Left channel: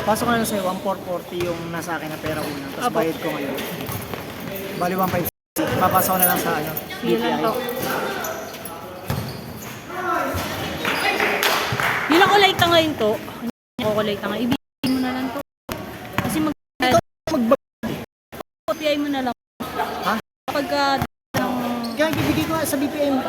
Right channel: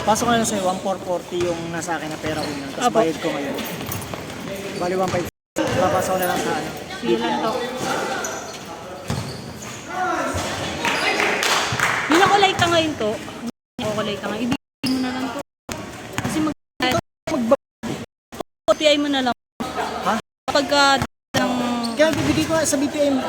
Pasok ko na lang sa'yo, 1,440 yung nasa akin na pera una. Tapos Apo. bayad ko ngayon. Bali 1,560. Papasok ko na lang sa ano. Sige lang to. Yun ako like ka ngayon to. Ako like ka ngayon. Ibigay mo na lang to. Kasi mag-PI mo na lang. Ha? Pagka Kaya bibigay ko sa BPM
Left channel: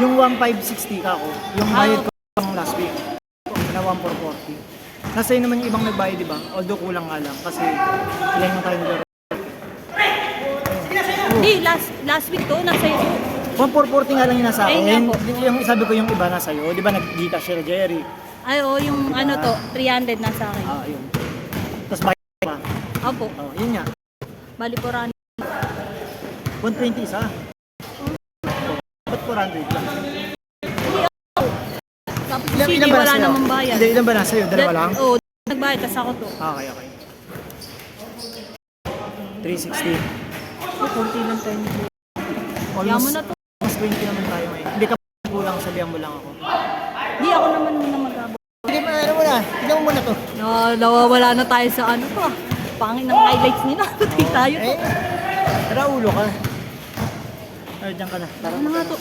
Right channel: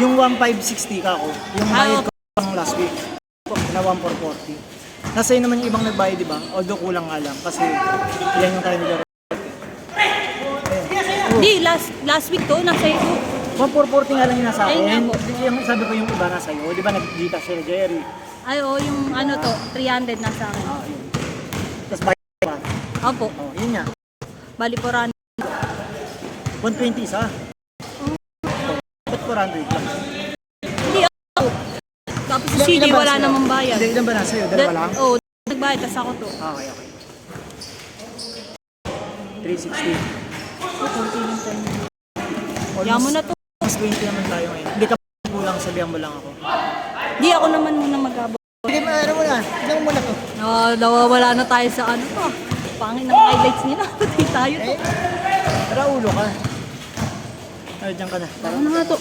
yung 1,560 ka ako. Yung bayad ko pang last week na 1,440. Nasa yun naman yung ibang nagbayad, di ba? Although kulang nga lang kasi ilan yung tayo nilaro. Hindi, last week to, nasa iyo. 1,440 nga lang yung nasa Ayun akin. nga po. Yung sabi ko yung iba nasa iyo, di ba nag-Gcash si Jerry? Ay, oo, yung ano to, 300 nasa akin. Ah, yun. Tapos bayad pa. Opo, Oh, yun nga. bali po ran. 120 isa. Ba't 400 lang? Hindi ako. Tapos si CD ba wala sa'yo? namang bayad. Hindi, ilan ba nasa iyo? Dalawa lang? Oo, nagbayad, tas ako to. Ah, okay, okay. 360. Kunti lang tayo. Almost, Kaya mo na to. mas 20 naman tayo ngayon. Hindi ka kulang, sabihan mo lang ako. Di ako naman muna magabo. Hindi, maano mo na. Tignan mo muna to. Nawawala na tayo sa ano to. Pangin ng highlights nila. Hindi tayo to. Tara, ulo ka. Ay, dyan ka na. Tara, Ano na to?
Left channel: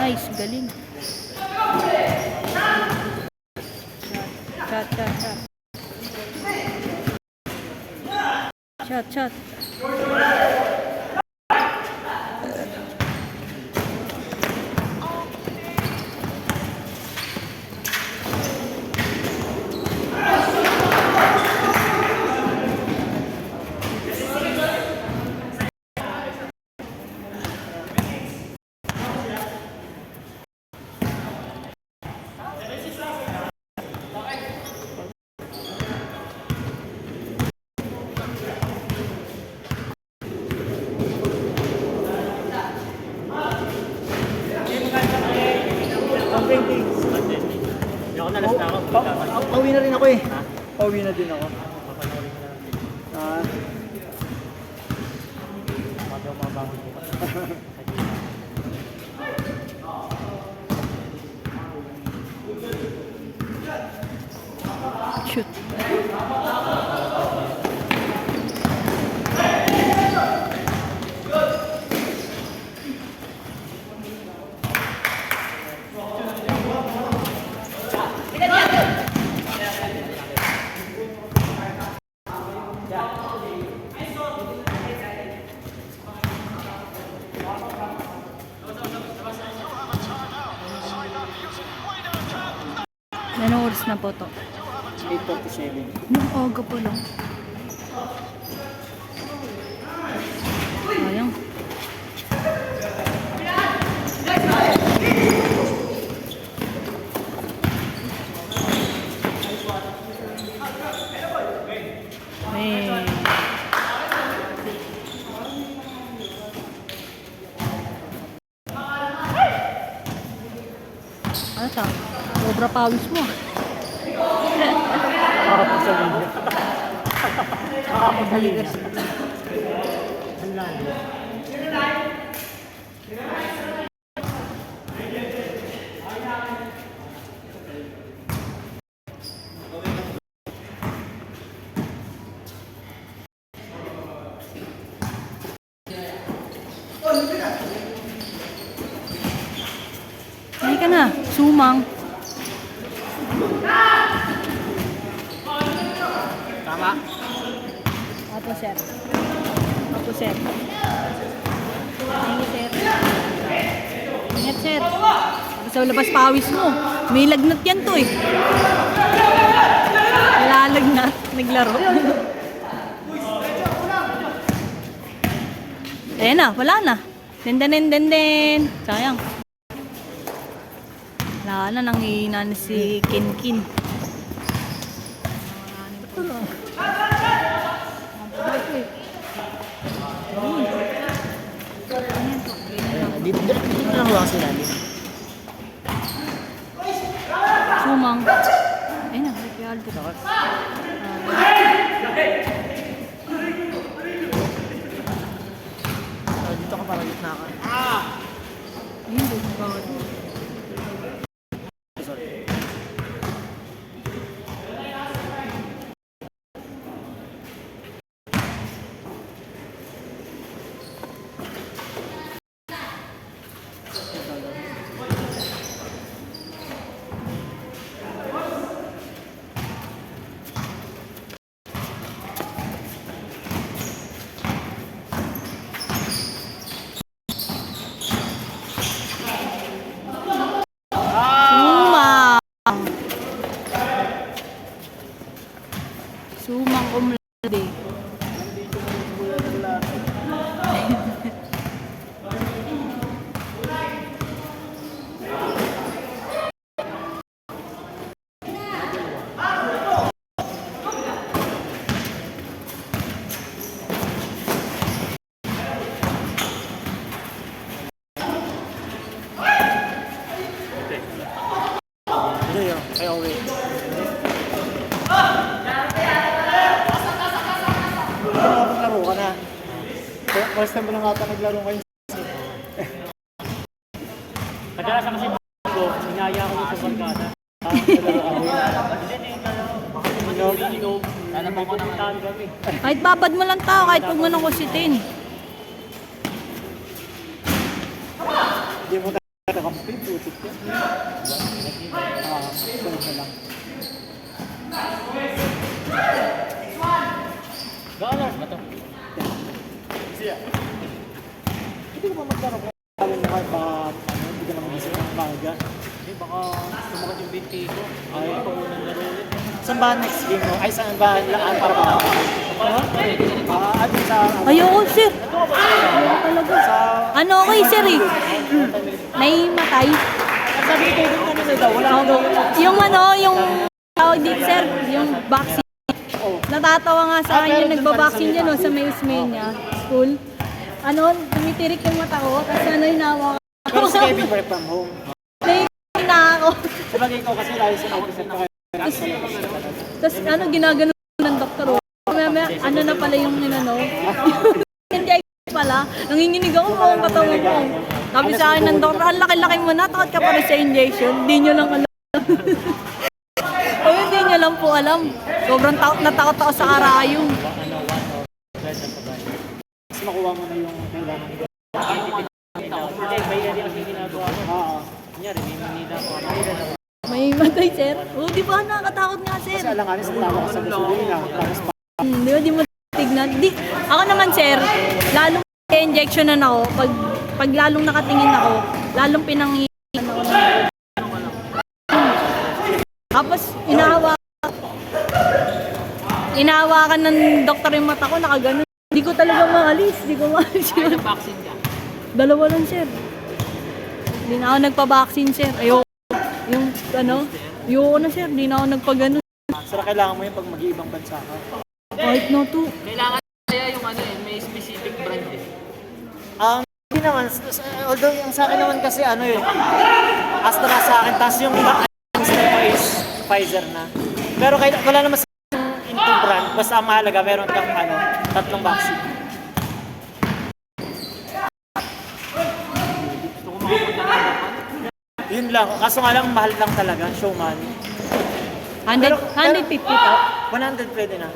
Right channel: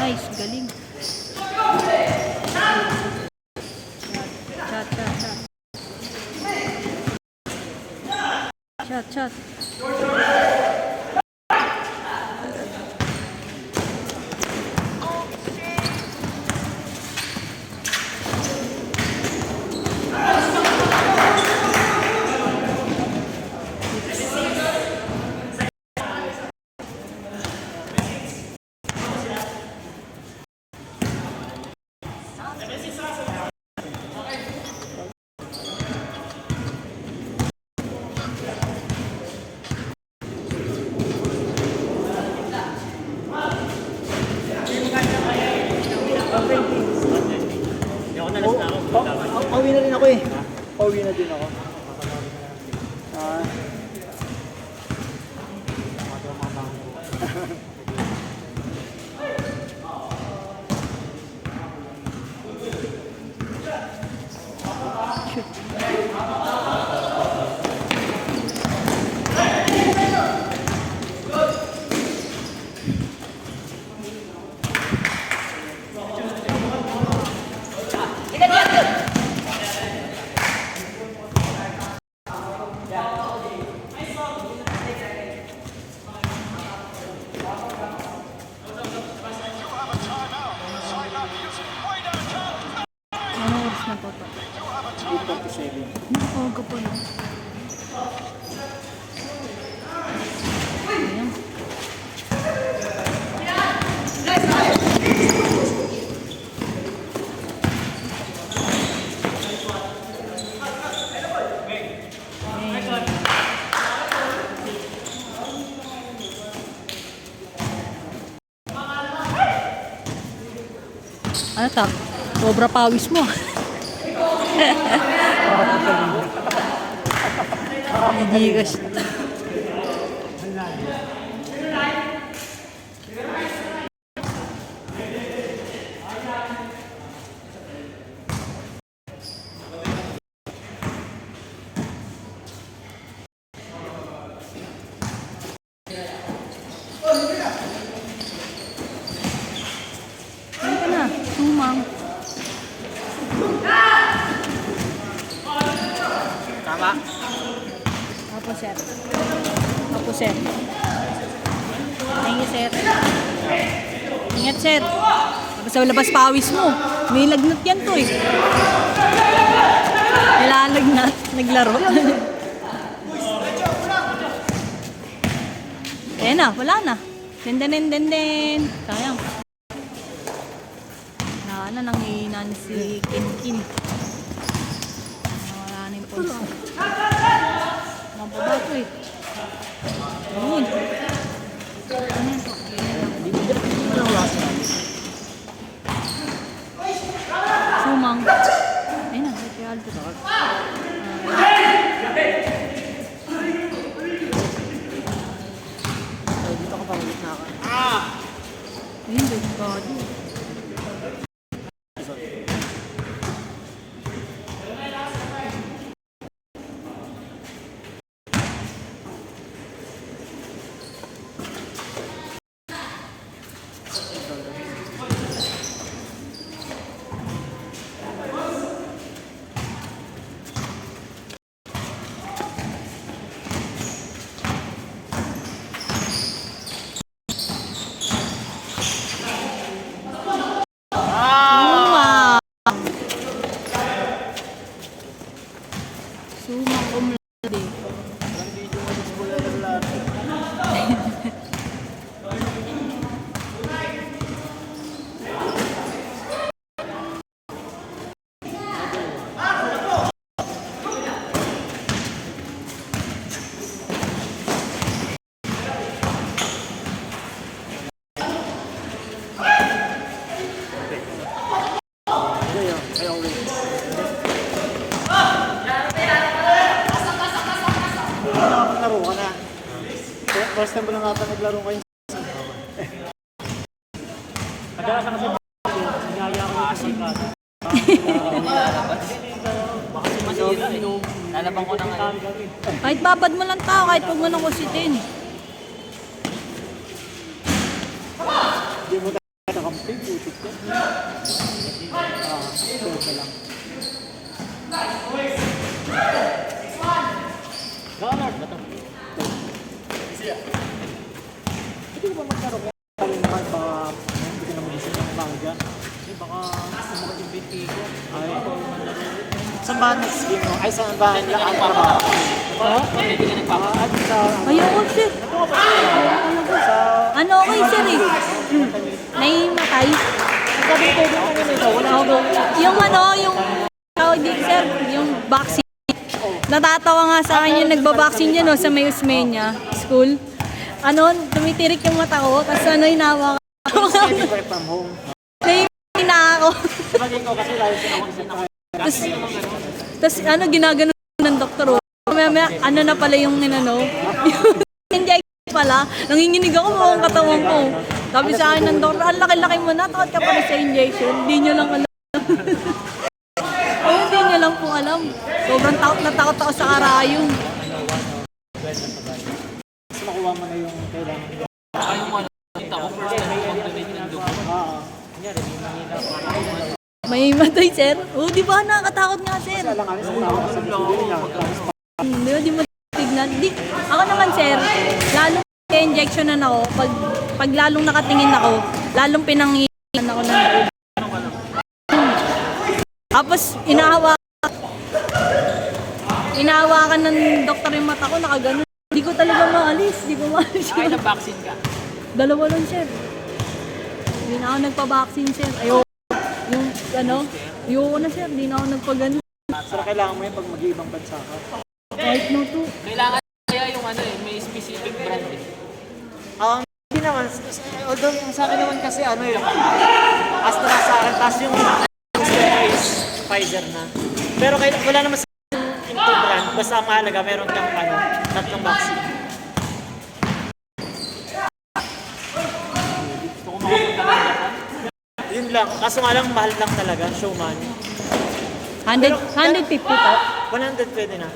Nice, galing. Shot. Pauwi na rin ako eh. Pauwi na din ako. Shoot. Anong oras na po to? 8:47. Nakakaga pala. Ayan. Ano ta? Sobra pawis mo. Hindi kasi. Hindi ka na. Sumang. Tama. Apo, sir. Apo, sir. Thank you, sir. Ingat, sir. Kasi sa labas pawis mo. May lagnat yan to eh. Nilalagnat. Naglaro. Eh na, wala na. Den. Kayang. Wala na, nanghihina na si Kinkin. Wala na yung pulsa. Ito eh. Ayun. Ano to? Ganyan lang. Dito na lang wala sinabi. Sumang. Ayun na, si Aldo. Hindi. Nakapaglaro ka na. First time mo lang ata naglaro kayo. Kadalasan kasi ko, sinaya ko sa barkada. Lalabang ko na ngayon. Kahit babad mo lang tao, kahit huwag mo nang kusitin. Hindi mo talaga complete. Hindi mo magkaroon ng kalimban sa hindi ka naman isip ng bago dyan. Baka sumakot yung binti ko. Ay, ito unang laro. Saan ba next game mo? Ay, saan ba ang trabaho? Ha? Ayoko, sir. Ano okay, sir eh? May matay. Yung ano, yung tawag dito, sir, yung vaccine. Natatawa nga sa akin yung nagba-vaccine dyan, sa may Usmeña School. Ano, tumitirik yung mata ko, tapos ano, hinawa ko. Pero sa work from home. Nahihintay na ako. Sabagay ko kasi lalo sa office at Tapos ano, ginagano ng doktor. Mamaya, ano na pala yung ninano? Hindi pala. Nanginginig ako buong katawan ko. Sabi sa akin ng doktor, ang laki-laki mo na, takot ka pa sa injection. Hindi nyo lang alam. Hindi nyo lang po alam. Sobrang takot na takot ako sa karayong. Mas makuha mo na yung kailangan nila. May matay, sir. Oh, di ba nakakatakot nga, sir? Kailangan sa tao sa gasolina. Di mo tignan. Di, ako naman, sir, lalong injectionan ako. Pag lalong nakatingin ako, lalong pinanginan ako ng loob. Tapos, inahawakan ng doktor yung mata ko, nakaganon. Hindi ko talaga maalis. Hindi ko maalis. Ay, na-vaccine ka? Dalawa lang, sir. Hindi na ako nagpa-vaccine, sir. Ayoko. Yung, ano? Ayoko na, sir. Hindi na ako nagpagano. Sir, kailangan mo yung pag mag-iibang bansa ka. Kahit na to. Kailangan kaya yung ano eh, may specific brand eh. Hindi naman. Although yung sa akin naman kasi ano yun. Basta na sa akin. Tapos yung is Pfizer na. Pero wala naman sa into brand. Basta ang mahalaga, meron kang ano, tatlong vaccine. Gusto ko makapunta ng Japan. Yun lang. Kaso nga lang, mahal lang talaga. Showman. 150 to? 100 pwede na.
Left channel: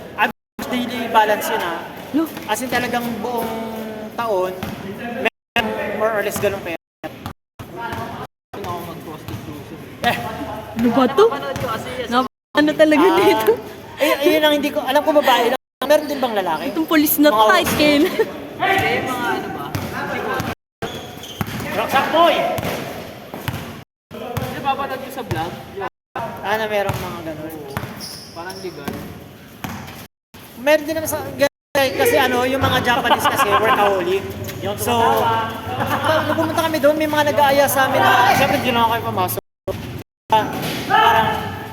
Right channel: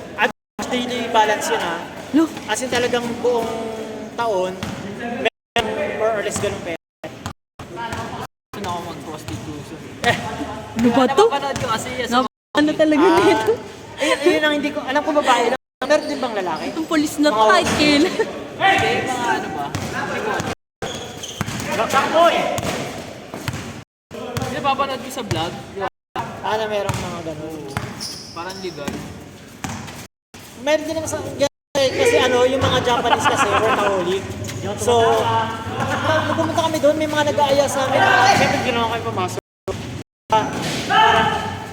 Daily balance yun ha. Look. As in talagang buong taon, meron more or less ganun pera. Ano ako mag-prostitution? Ano ba to? Panood ko kasi yes. Ano talaga dito? Yun ang hindi ko, alam ko babae lang. Meron din bang lalaki? Itong polis na to, kahit kailan. Kasi mga ano ba? Boy! Hindi papanood ko sa vlog. Na merong mga ganun. Parang legal. Meron din naman sa, kasi ano, yung mga Japanese kasi, workaholic. So, nung pumunta kami doon, may mga nag-aaya sa amin. Siyempre, hindi naman kayo pumasok.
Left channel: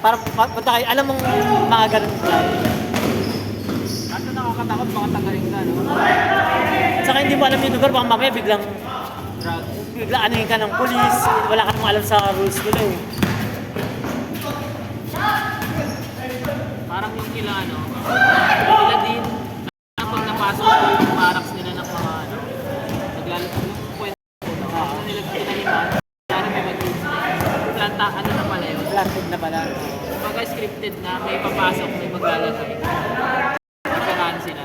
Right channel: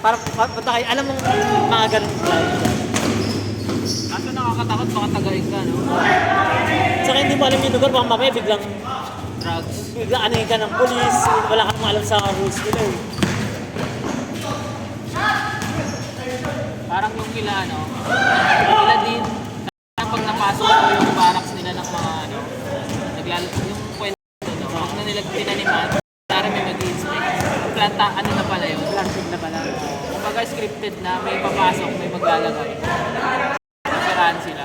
Parang punta kayo, alam mong mga ganun plan. Kaso nakakatakot baka tagain ka. No? Saka hindi mo alam yung lugar, baka mamaya biglang Drugs. anuhin ka ng polis, wala ka namang alam sa rules nila eh. Parang yung kila ano, kila din, pag napasok ko yung barracks nila ng mga ano, naglalaro yung kwento, na nila pinaliman, sana may mag-i-snake. Planta, ano na pala yun? Plastic na pala. Kumbaga scripted na may papasok, may maglalaro. Napirahan sila.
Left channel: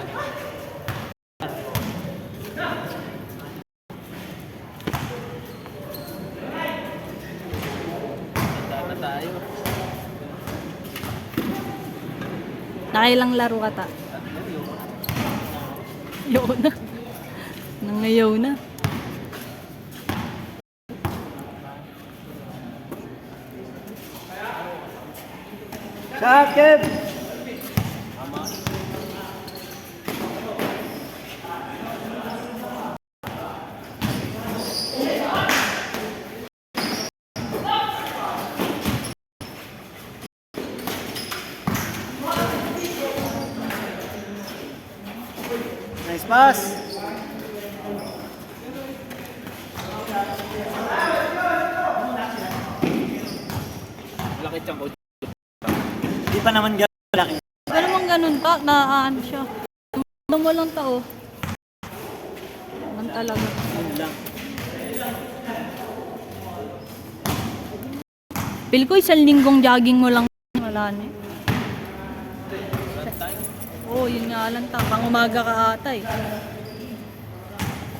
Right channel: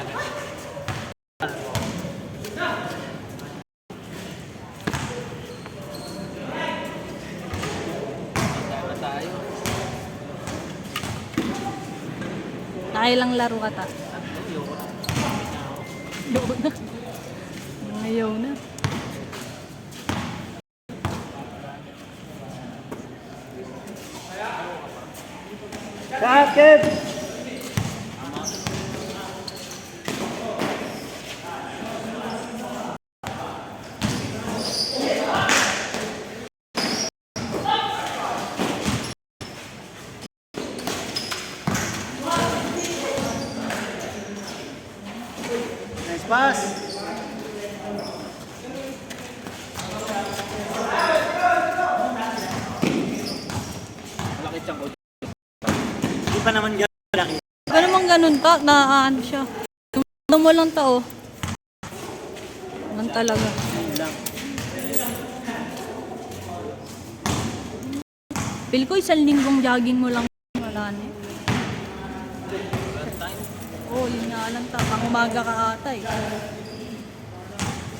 Tama tayo. Nakailang laro ka ta? Ayaw na. Nangayaw na. Sakit! Pass. Malaki siyang coach. Hindi pa naman gano'n laki. Pero naman ganun ta, ano siya. Ano mo lang ta, oh. Ganun talaga. Ayun lang. Feel ko isang linggong jogging mo lang. Wala na eh. Oo, yun nga lang ta. Pang umaga ka ata eh.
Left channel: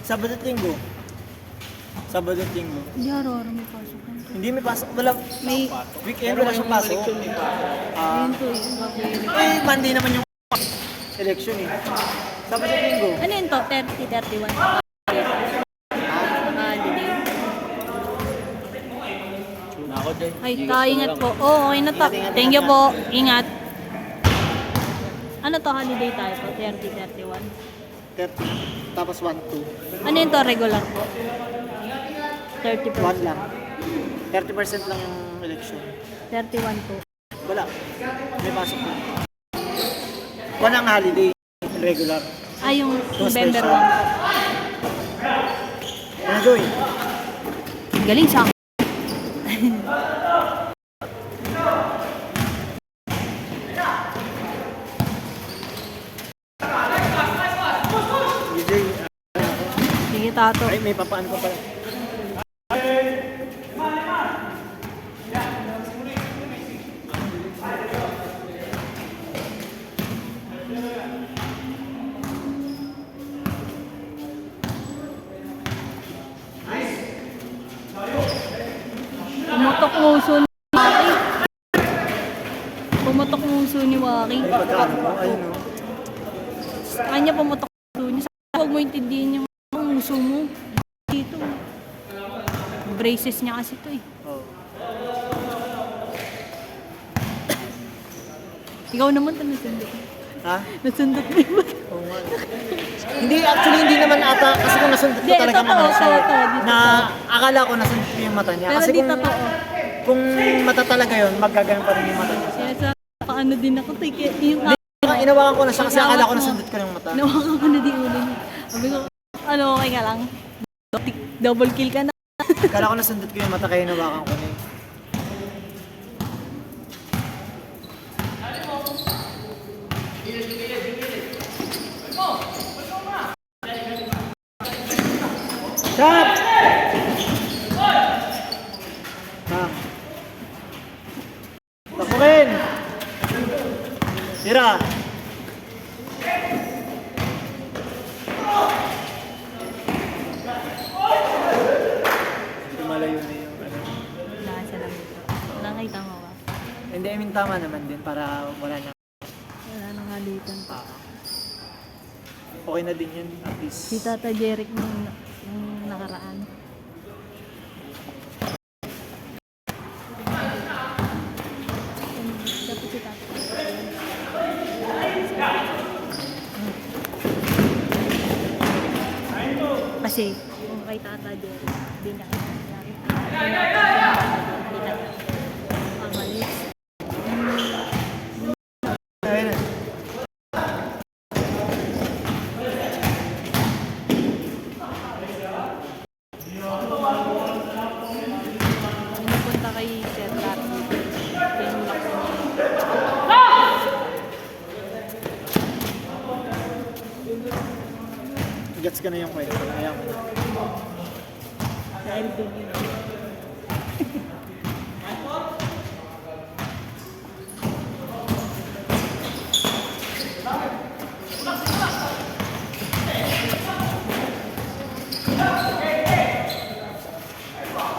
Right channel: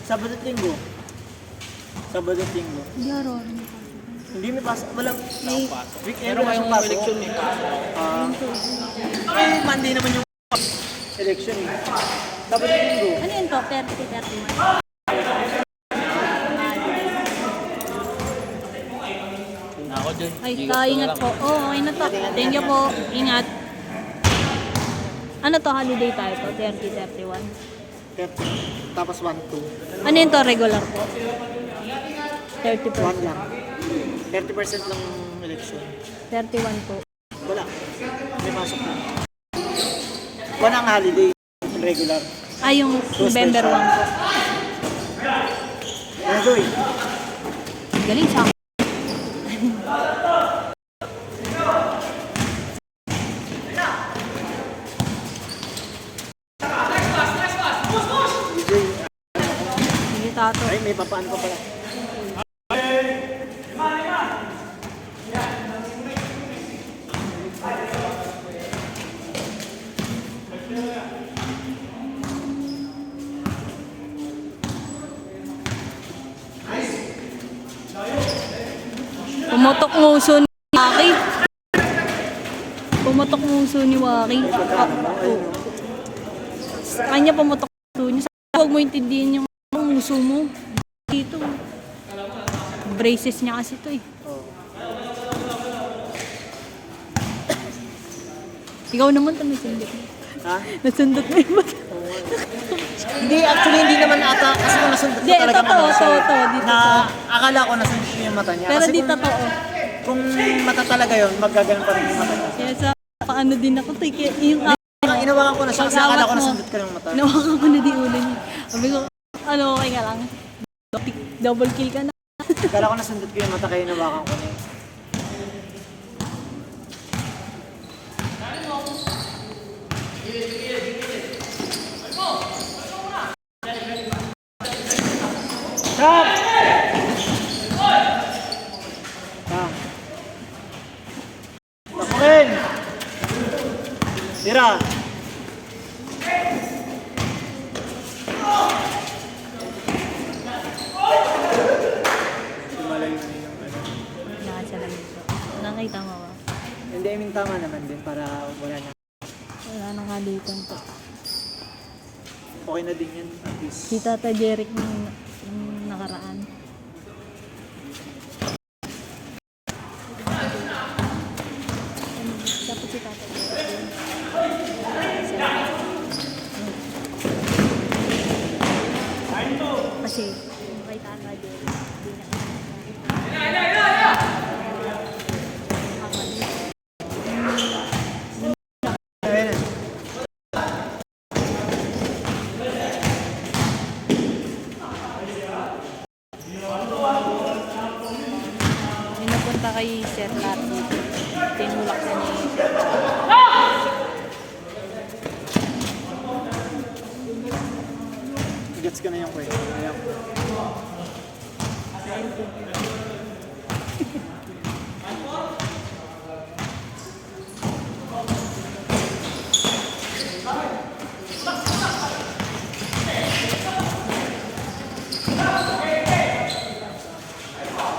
Sabado at Linggo. Sabado at Linggo. Hindi araw-araw may pasok. Hindi may pasok. Wala. May, Weekend wala siyang pasok. Eleksyon eh. ayun po. Eh, Monday naman yung election eh. Sabado at Linggo. Ano yun to? 30, 31. Ako dyan. Ay, ingat po. Oo, okay na to. Thank you po. Ingat. Ano to? Holiday tayo to? 30, 31. 30. Tapos 1, 2. Ano yun to? Regular po? 1 30%. lang. 30% lang yung election. 31 po. Wala. May pasok na. One ang holiday. Regular. Ay, yung November 1 po. Ano doon? Galing sa DJ. Sige, tato. Ay, may papaan pa pala. Pumutok nguso ni Waki. Pumutok nguso ni Waki. Pagkano mo? Ayun. Sa kanya pumutok nguso niya. Huwag mo intindihin yung nguso mo. Dito. Braces niya kasi ito eh. Oh. Ikaw naman ito nasundot mo. Ha? Nasundot mo yung mata. Oo nga. Hindi, actually hindi naman ata kasi kung nasundot ko Hindi, talaga totoo, mata siya. totoo, dito Na akala ko nasundot ko yung mata niya. Pero Kasi di kung, totoo. kung mata talaga yun, magaganon pa rin yung mata niya. Kaya sa paano din ako ito. Yung Inawakan ko na siya kasi akala ko Pag-awat mo. nasundot ko yung mata. nawakan ko na di ulo niya. Sabi ko, ano okay ka lang? Double kill ka na. Akala ko nasundot ko yung mata kaya inawakan ko na eh. Shot! Pasukin! Tira! Lumalayo na yung ano. Nasa lang ito. Nakita mo ba? Hindi, I mean tama naman din para wala na. Wala nang halikan pa. Okay na din yun at least. Si Tata Jeric nung nakaraan. Sabi si Tata Jeric. Kasi, kung kay Tata Jeric, di na. Kamali. Ayun na. May napunta kay Sir Carlo. Tinulak na niya. Gets ka na yung kwento. Ayan. Sa LBB.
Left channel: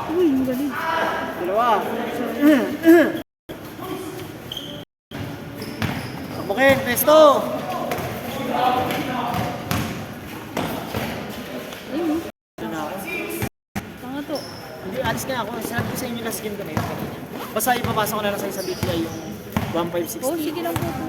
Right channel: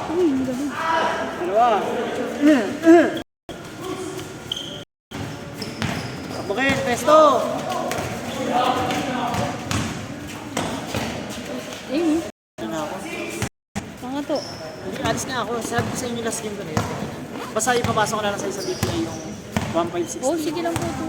Uy, ang galing. Dalawa. Tabukin, pesto! Ayun, Ito na ako. tanga to. Hindi, alis nga ako. Sabi ko sa inyo last game ko na yun. Basta ipapasok ko na lang sa BPI yung 1560. Oh, sige lang po to.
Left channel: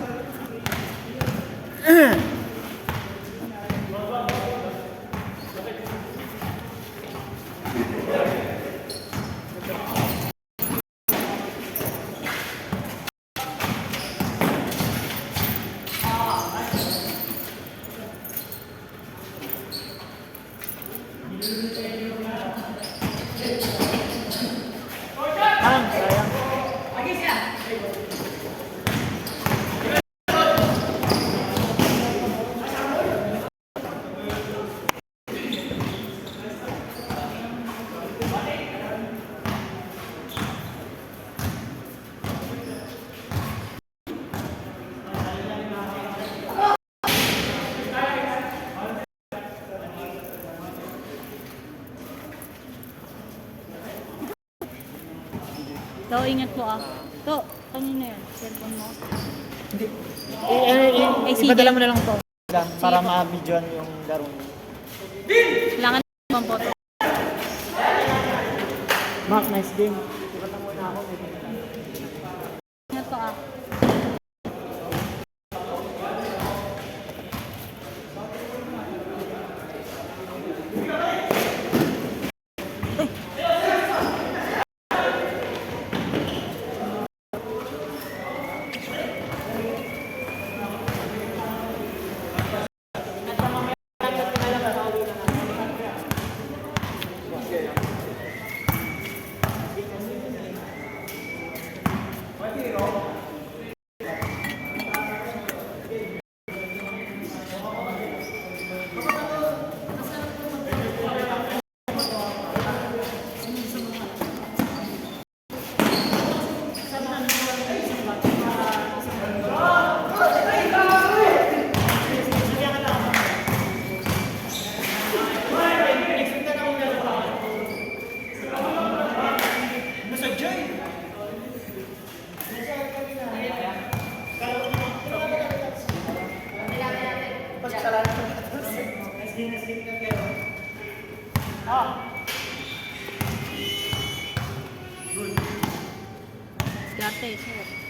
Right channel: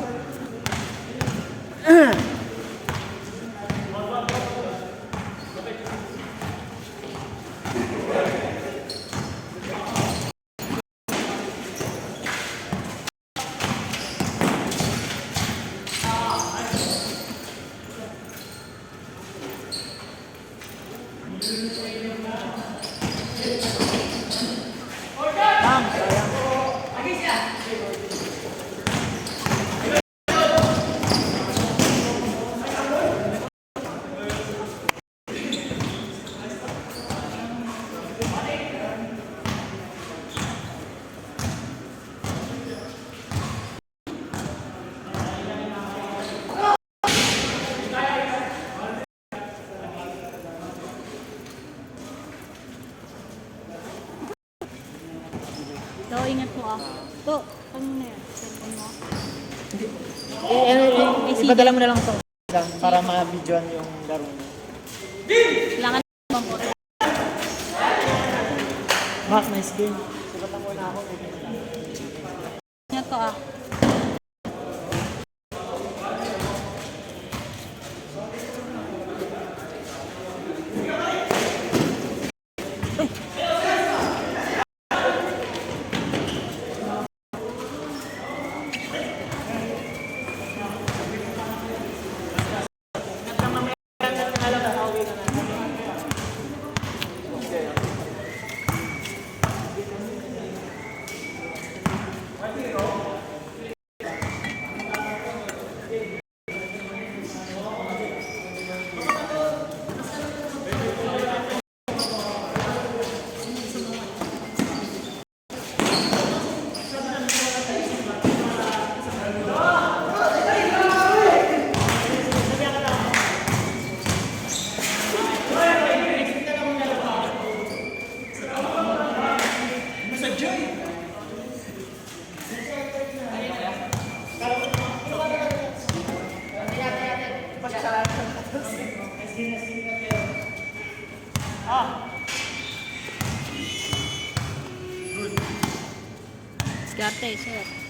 To, ingat po ah. To, kanina yan. Cellphone mo. Hindi. sige. Ipadala mo na lang po. Para ma-videoan yung laro niyo. Kailangan naman po. Mark, nice game. Ingat po ah. Skate, sir.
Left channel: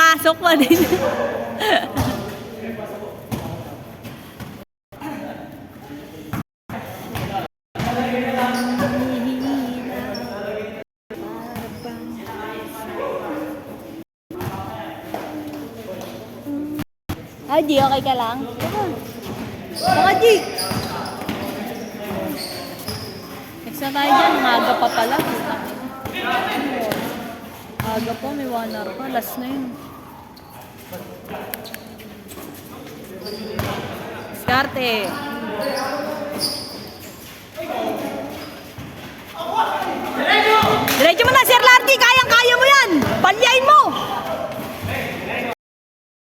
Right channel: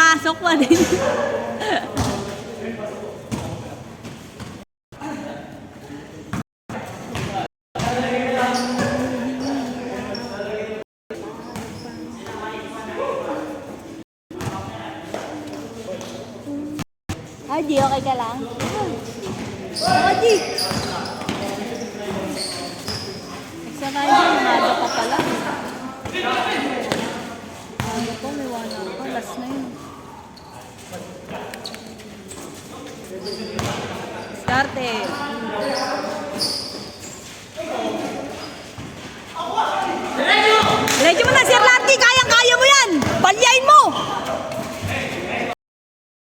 pumasok pa din. Di, okay ka lang? Di! Next na tayo dyan, maaga pa pala. Maaga pa, may 1 hour pa. Last na yun. Starte! Diretso mo na, Sir Larky! Kayang-kaya mo yan! Palyain mo!